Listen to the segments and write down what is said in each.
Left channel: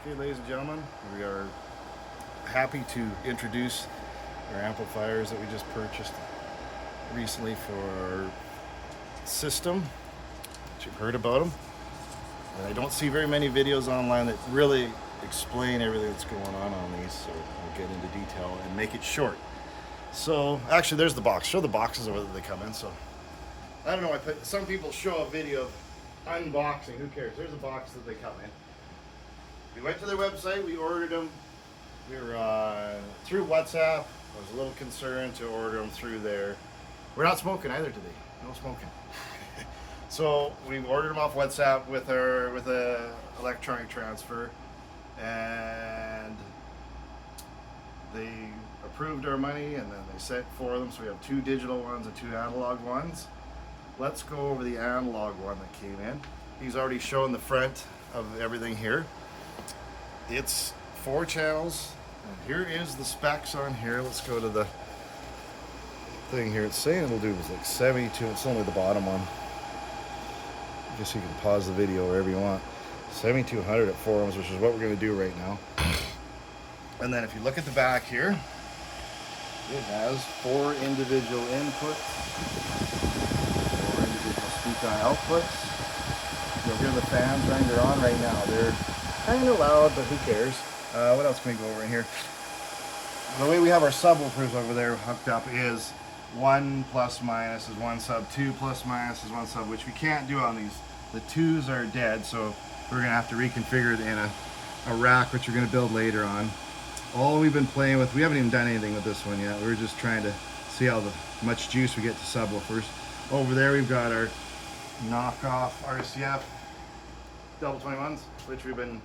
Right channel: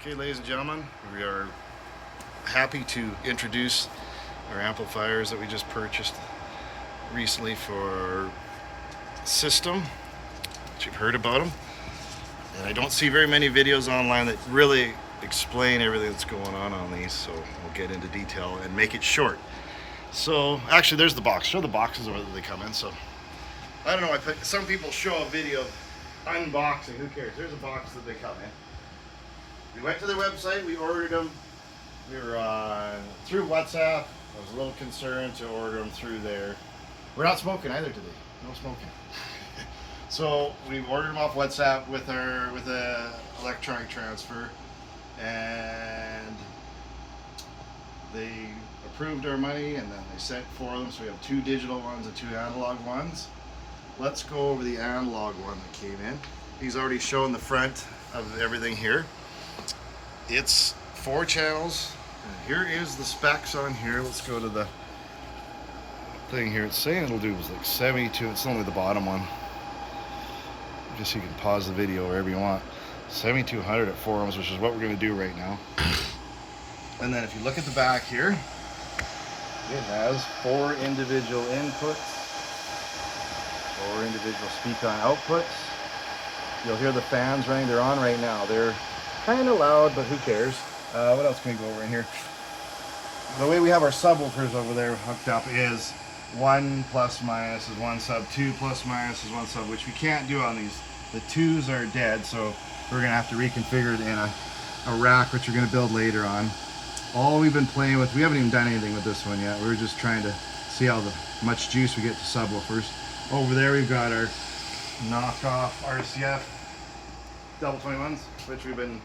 Okay, ladies and gentlemen, we are happy to introduce our amplifiers that we just purchased recently for our system. You've heard about them, and I don't see very many videos online that really explain everything that's going on these, so we'll get into detail and make it short. So actually, there's the box. Show the boxes over that they come in. So I don't know, some people show a video of unboxing. Who cares? There's a box that they come in. We went to their website, we ordered them. We were through WhatsApp. I was a little concerned to order them through there. We're not smoking either today. No smoking. So we ordered them off WhatsApp with a electronic transfer, and they approved our money, and then they sent 4 of them. So we have 2 digital ones and 2 analog ones. Let's go over the analog one that came in. He's already shown the front of everything here. It's 4 channels. And here is the specs on here. Let's go to the thing here. It's saying it'll do like 72. It's only the bottom one. Just so you can pause the video wherever you want. 7200 at 4 ohms, which is what we're going to do right now. And then if you look at the back here, it has 4 individual inputs, 4 individual speak-on outputs. You'll hear the fans running. They're on right now. They're kind of loud, but who cares? What else can we go over in here? The way we have our subwoofers over there hooked up is 1 plus minus is 1 sub, 2 plus minus is 1 sub, which we can't do on these. The 2s are dead, so we're going to have to reconfigure it in a rack, which we're going to build later on. All we've been playing with, we haven't even done anything with this one yet. We're just trying to see how much juice we get to subwoofers. Over there we've got our knockoff RCF double 21s, which we've been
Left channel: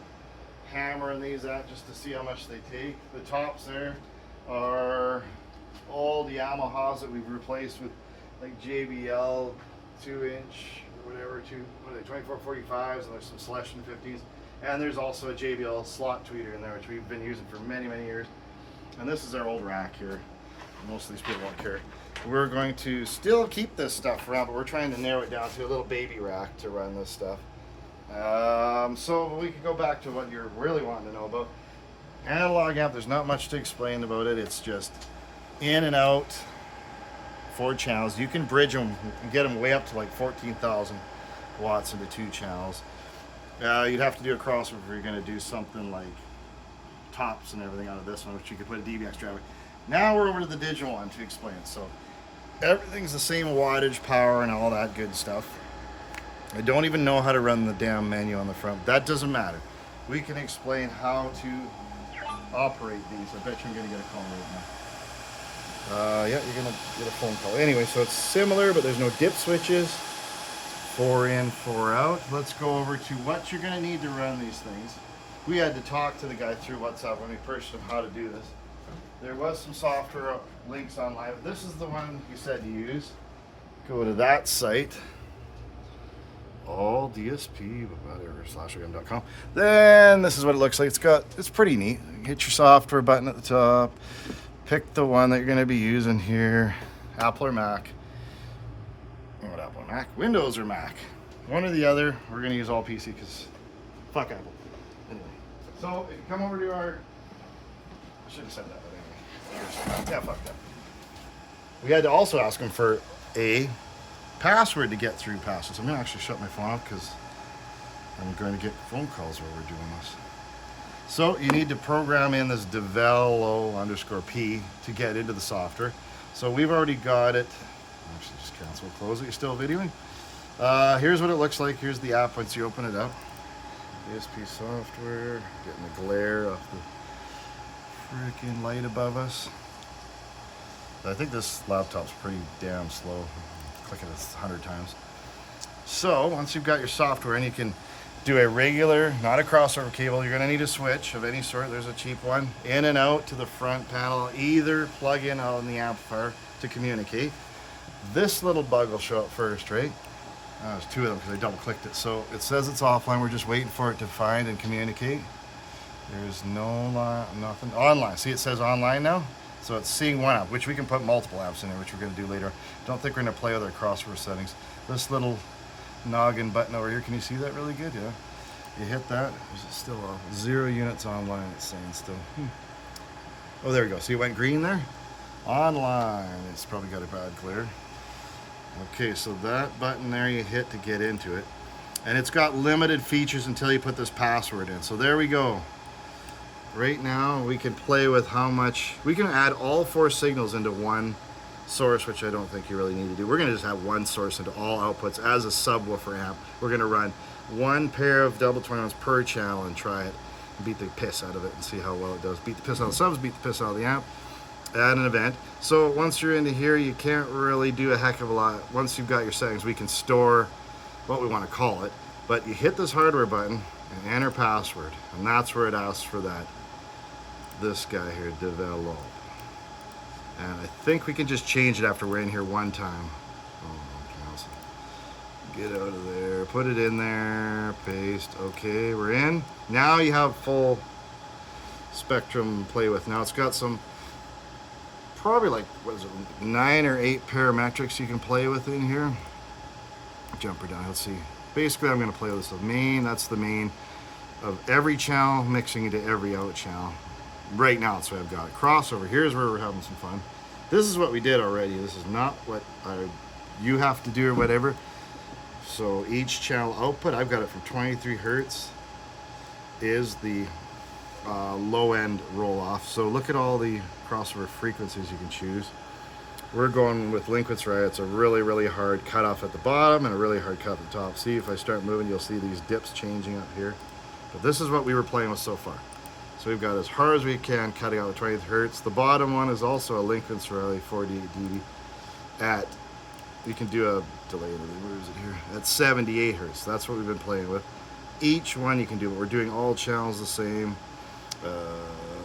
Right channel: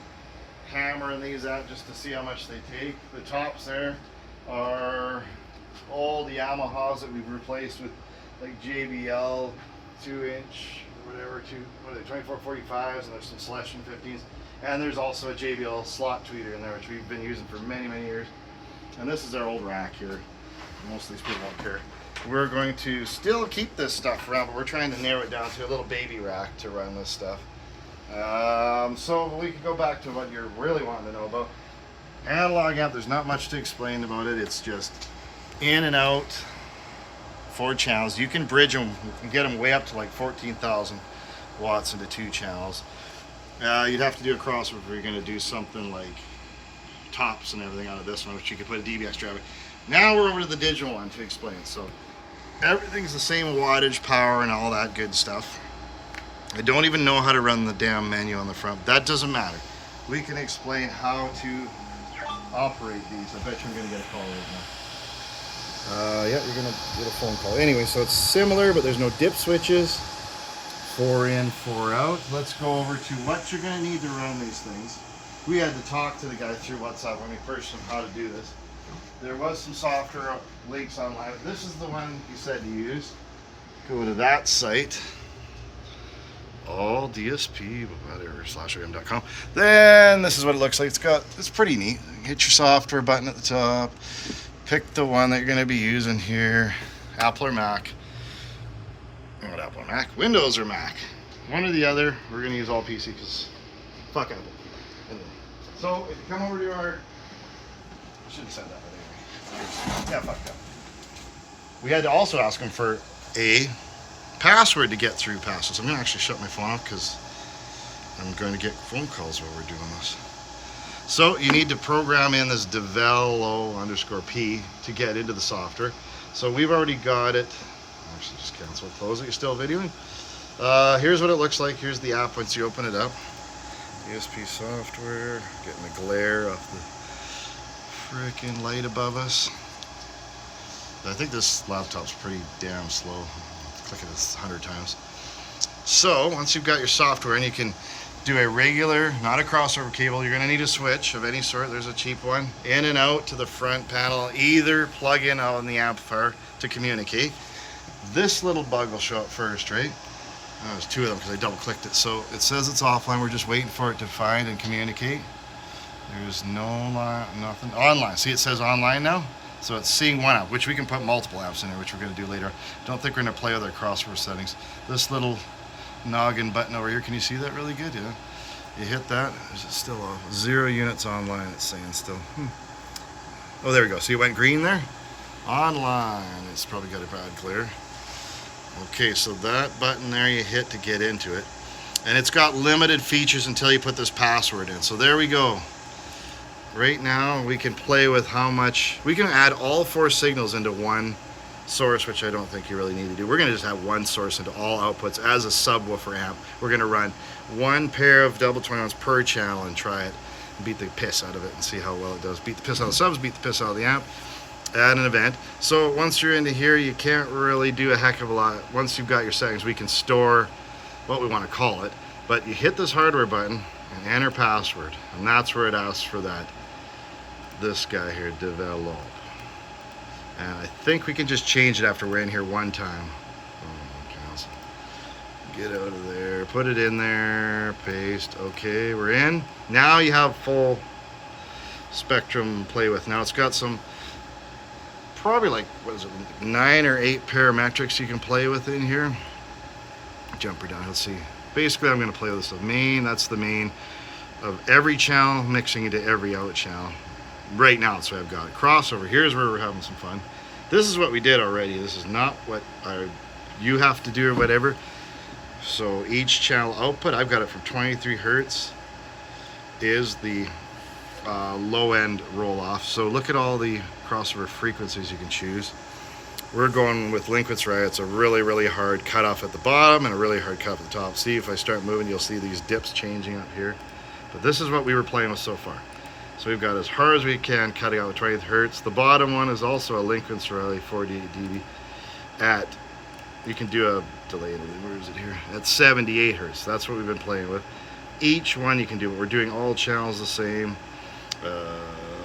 hammering these out just to see how much they take. The tops there are all the Yamahas that we've replaced with like JBL 2-inch or whatever, 2445s, and there's some Celestion 15s. And there's also a JBL slot tweeter in there, which we've been using for many, many years. And this is our old rack here. Most of these people don't care. We're going to still keep this stuff around, but we're trying to narrow it down to a little baby rack to run this stuff. So we could go back to what you're really wanting to know about. Analog amp, there's not much to explain about it. It's just in and out, 4 channels. You can bridge them, you can get them way up to like 14,000 watts into 2 channels. You'd have to do a crossover if you're going to do something like tops and everything out of this one, which you could put a DBX drive in. Now we're over to the digital one to explain. So everything's the same wattage, power, and all that good stuff. I don't even know how to run the damn menu on the front. That doesn't matter. We can explain how to operate these. I bet you're going to get a call right now. Yeah, we're going to get a phone call. Anyway, so it's similar, but there's no dip switches. 4 in, 4 out. Let's go over to what you're going to need to run these things. We had to talk to the guy through WhatsApp when we purchased him how to do this. There was some software links online. This is the one he said to use. Go to that site. All DSP, whatever/OEM.com. Then this is what it looks like. It's pretty neat. Hit your software button at the top. Pick the one that you're going to be using here. Apple or Mac. Not Apple or Mac. Windows or Mac. One or the other. We're going to use all PC because fuck Apple. Anyway. So if you come over to our, I should have said that, but anyway. Yeah, fuck that. We had to also ask him for a password to get through passes. I'm going to actually shut my phone off because I'm going to get phone calls while we're doing this. So you need to program in this develop_p to get into the software. So we've already got it. Actually, just cancel, close it. You're still videoing. Here's what it looks like. Here's the app once you open it up. ESP software. Getting the glare off the freaking light above us. I think this laptop's pretty damn slow. Click at this 100 times. So once you've got your software and you can do a regular, not a crossover cable, you're going to need a switch of any sort. There's a cheap one. In and out to the front panel. Either plug in on the amplifier to communicate. This little bug will show up first, right? There's 2 of them because I double clicked it. So it says it's offline. We're just waiting for it to find and communicate. There's nothing. Online. See, it says online now. So it's seeing one app, which we can put multiple apps in there, which we're going to do later. Don't think we're going to play with our crossover settings. This little noggin button over here, can you see that really good? Yeah. You hit that. Is it still off? 0 units online, it's saying still. Oh, there we go. See, it went green there? Online. It's probably got a bad glare. Okay, so that button there you hit to get into it. And it's got limited features until you put this password in. So there we go. Right now we can play with how much, we can add all 4 signals into one source, which I don't think you really need to do. We're gonna just have one source into all outputs as a subwoofer amp. We're gonna run 1 pair of double 21s per channel and try it, and beat the piss out of it and see how well it does. Beat the piss out of the subs, beat the piss out of the amp at an event. So once you're into here, you can't really do a heck of a lot. Once you've got your settings, we can store what we want to call it, but you hit this hardware button and enter password, and that's where it asks for that. This guy here, develop. And I think we can just change it after we're in here one time. Oh, get out of there, put it in there, paste. Okay, we're in. Now you have full spectrum to play with. Now it's got some, probably like, what is it, 9 or 8 parametrics you can play with in here. Jumper down, let's see. Basically, I'm gonna play with this stuff. Main, that's the main of every channel, mixing into every out channel. Right now, so I've got crossover. Here's where we're having some fun. This is what we did already. This is not what you have to do or whatever. So each channel output, I've got it from 23 hertz, is the low end roll off. So look at all the crossover frequencies you can choose. We're going with Linkwitz Rye. It's a really hard cutoff at the bottom and a really hard cut at the top. See, if I start moving, you'll see these dips changing up here. But this is what we were playing with so far. So we've got as hard as we can, cutting out with 20 hertz. The bottom one is also a Linkwitz Rye 48 dB at, you can do a delay, where is it here? At 78 hertz. That's what we've been playing with. Each one you can do, but we're doing all channels the same.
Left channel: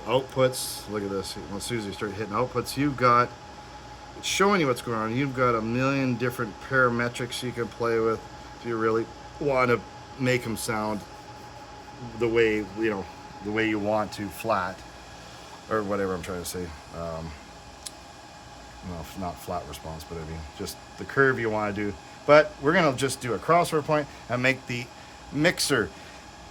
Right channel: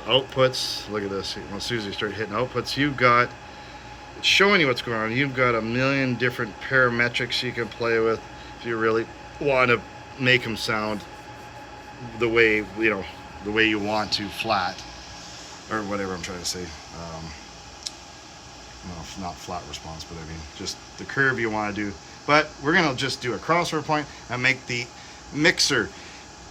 Outputs, look at this. As soon as you start hitting outputs, you've got, it's showing you what's going on. You've got a million different parametrics you can play with if you really want to make them sound the way, you know, the way you want to, flat, or whatever I'm trying to say. No, not flat response, but I mean just the curve you want to do. But we're gonna just do a crossover point and make the mixer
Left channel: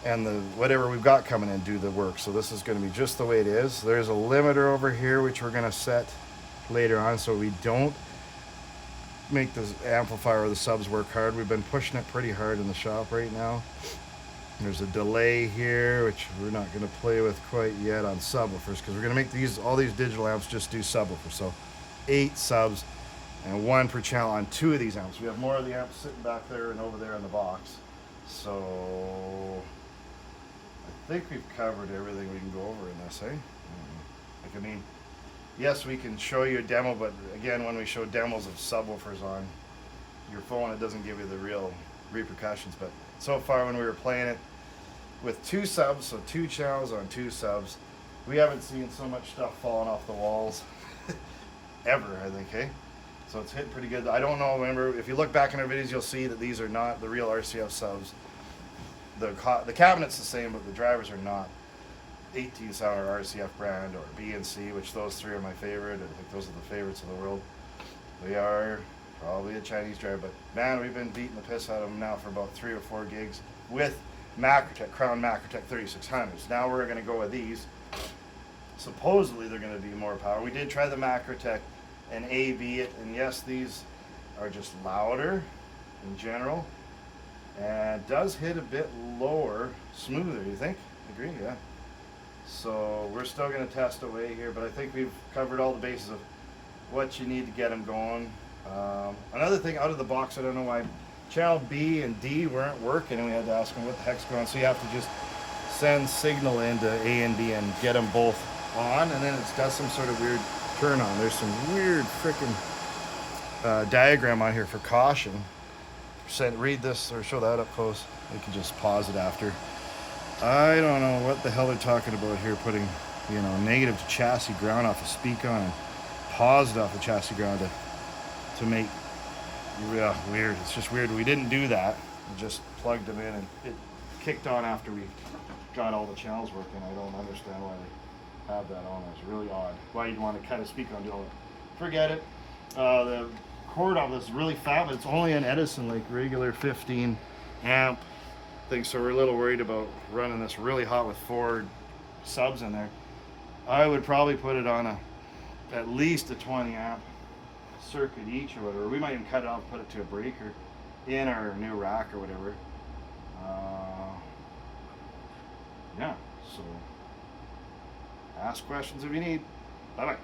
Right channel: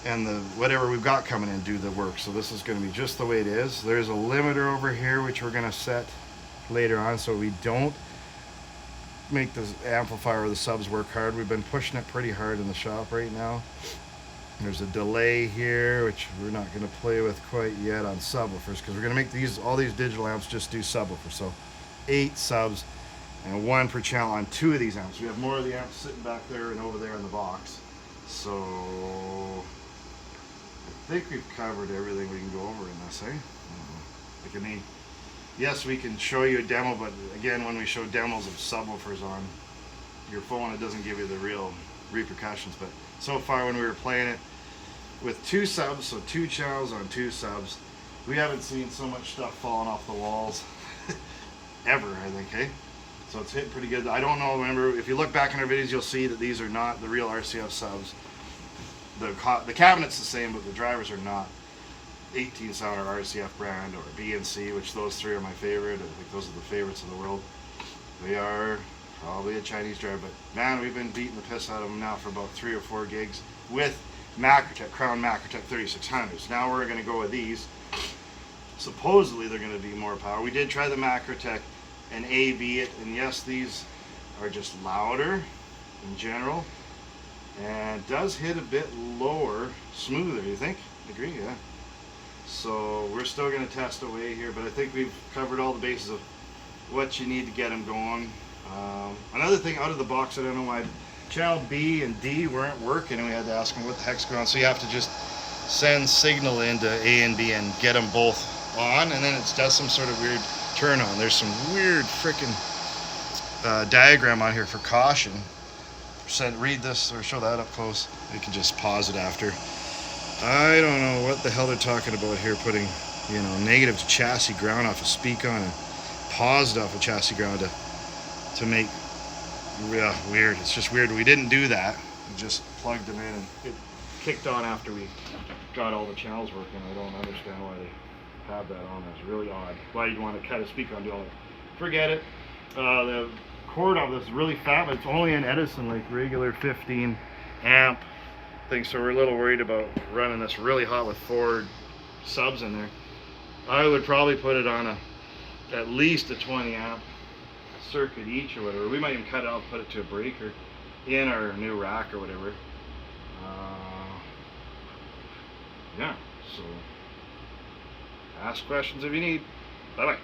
and the whatever we've got coming in do the work. So this is going to be just the way it is. There's a limiter over here which we're going to set later on so we don't make the amplifier or the subs work hard. We've been pushing it pretty hard in the shop right now. There's a delay here which we're not going to play with quite yet on subwoofers because we're going to make these, all these digital amps just do subwoofers. So 8 subs and 1 per channel on 2 of these amps. We have more of the amps sitting back there and over there in the box. So I think we've covered everything we can go over in this, eh? Like, I mean, yes, we can show you a demo, but again, when we show demos of subwoofers on your phone, it doesn't give you the real repercussions. But so far, when we were playing it with 2 subs, so 2 channels on 2 subs, we haven't seen so much stuff falling off the walls ever, I think, hey? So it's hitting pretty good. I don't know, remember, if you look back in our videos, you'll see that these are not the real RCF subs. The cabinet's the same, but the drivers are not 18 center RCF brand or BNC, which those 3 are my favorite. I think those are the favorites of the world. They are probably a Chinese driver, but man, we've been beating the piss out of them now for about 3 or 4 gigs with Macrotech, Crown Macrotech 3600s. Now we're going to go with these. Supposedly they're going to be more power. We did try the Macrotech and A/B it, and yes, these are just louder in general, and does hit a bit lower, smoother. You think? Agree? Yeah. So we're still going to test away here, but I think we've covered all the bases of what you need to get them going. Another thing out of the box, I don't know why channel B and D weren't working, and we had to ask them what the heck's going on. So you have to just send signal into A and B and get them both on, and then it does some sort of weird turn on. There's some weird freaking diagram on here for caution. Read this or show that up close. You can just pause it after. I don't know what the hell they're talking about here, putting, you know, negative to chassis ground off a speak on and paused off a chassis ground to make, yeah, weird. It's just weird. We didn't do that. We just plugged them in and it kicked on after we got all the channels working. I don't understand why they have that on. It's really odd. Why you'd want to cut a speaker on doing it. Forget it. The cord on this is really fat, but it's only an Edison, like regular 15 amp thing, so we're a little worried about running this really hot with 4 subs in there. I would probably put it on at least a 20 amp circuit each or whatever. We might even cut it out and put it to a breaker in our new rack or whatever. Yeah, so ask questions if you need. Bye bye.